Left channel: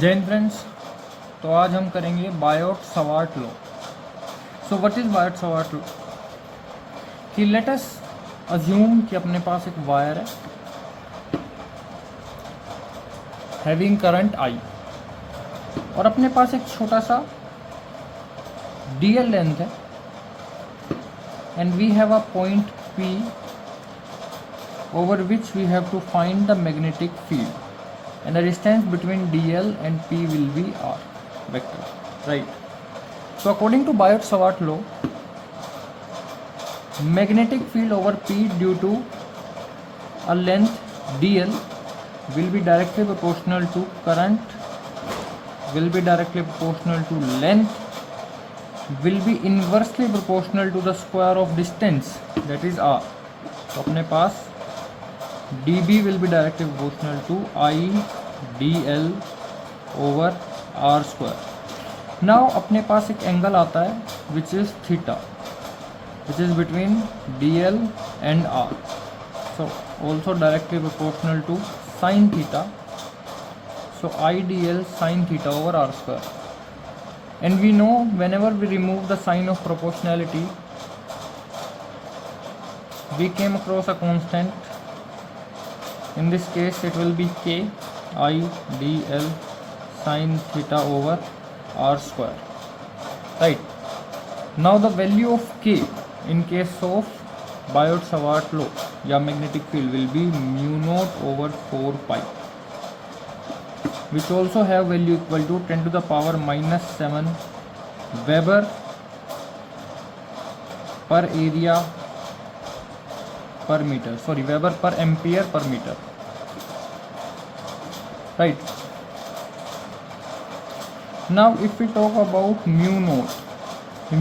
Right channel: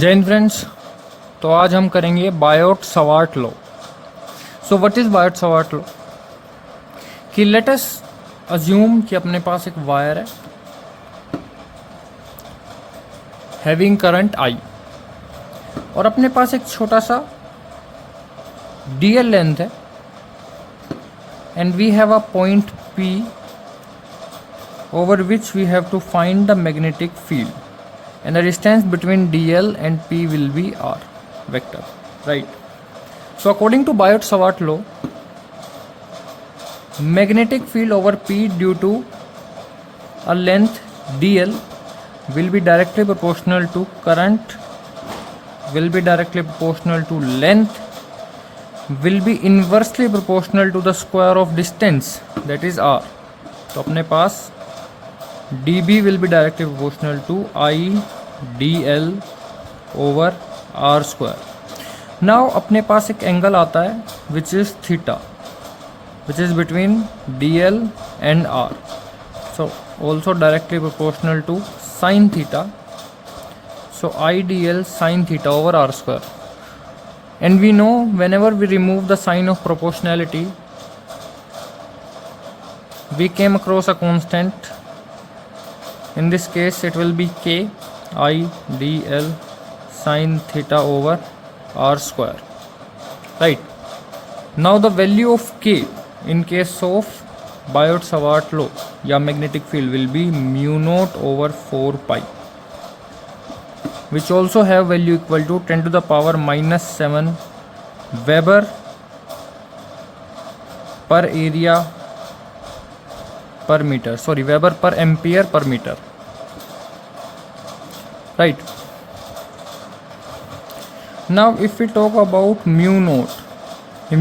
जय हिंद फ्रेंड्स। तो आज हम करेंगे Biot Savart law. So what is Biot Savart law? कि लेट अस अज्यूम कि अपने पास एक वायर है हैविंग करंट आई और अपने पास एक छोटा सा डीएल लेंथ है and we have a point P over which we have to find the magnetic field, and the distance between dl and p will be r vector, right? So according to Biot-Savart law, magnetic field over p due to a length dl will be directly proportional to current, will be directly proportional to length, will be inversely proportional to the square of distance, that is r. तो अपने पास dB will be directly proportional to I dl over r square. Now अपने पास एक angle आता है which is theta, which is between dl and r. So also directly proportional to sin theta. So I dl sin theta over r square. And we know whenever we remove the sign of proportionality, we came across a constant. In this case it will be k I dl sin theta over r square, right? Now the value of k in case of Biot-Savart law या magnetic field will be mu naught over 4 pi, which also have value equal to 10 to the power minus 7 Weber per area per meter, sorry, Weber per ampere per meter, right? Now if we talk about mu naught,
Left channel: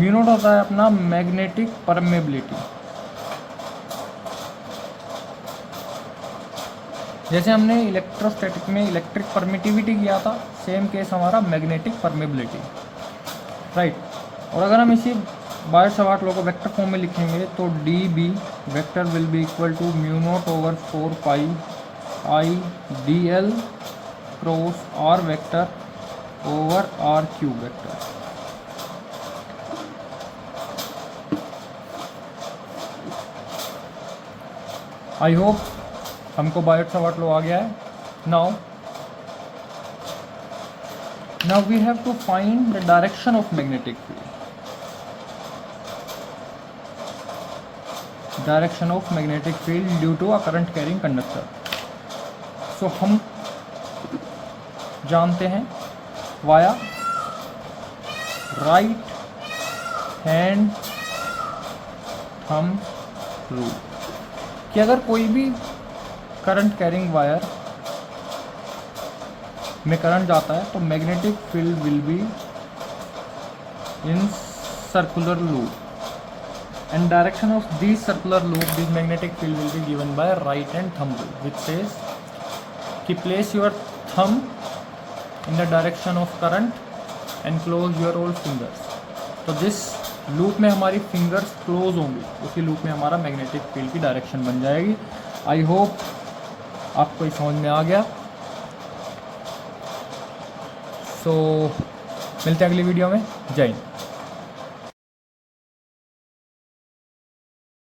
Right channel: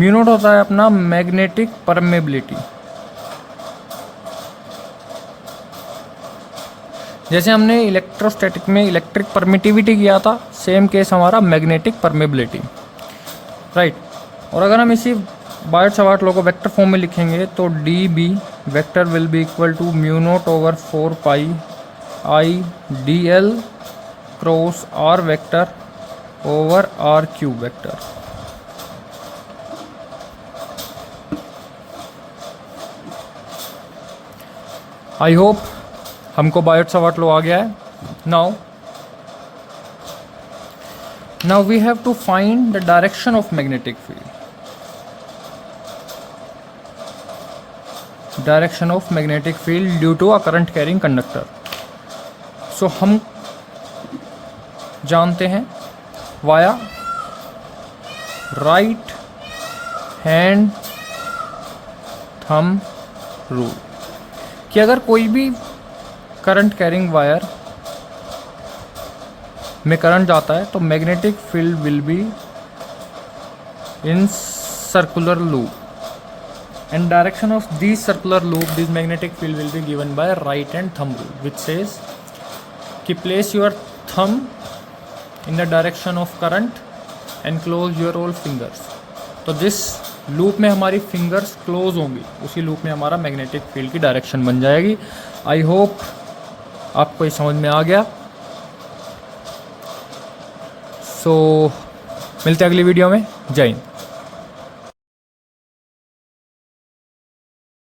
mu naught होता है अपना magnetic permeability. जैसे हमने electrostatic में electric permittivity किया था, same case हमारा magnetic permeability, right? और अगर हम इसी बायोट-सवार्ट लॉ को वेक्टर फॉर्म में लिखेंगे तो D B vector will be equal to mu naught over 4 pi I D L cross R vector over R cube vector. I hope हमको बायोट-सवार्ट लॉ आ गया है। Now we have to find the direction of magnetic field. Direction of magnetic field due to a current carrying conductor. So हम जानते हैं via right hand thumb rule कि अगर कोई भी करंट कैरिंग वायर में करंट जाता है तो magnetic field will be in circular loop, and direction of these circular loop, this magnetic field will be given by right hand thumb rule, which says कि place your thumb in the direction of current and close your all fingers. तो जिस loop में हमारी fingers close होंगी उसी loop में हमारा magnetic field की डायरेक्शन बन जाएगी। आई होप आपको ये समझ में आ गया। सो मिलते हैं अगली वीडियो में। जय हिंद।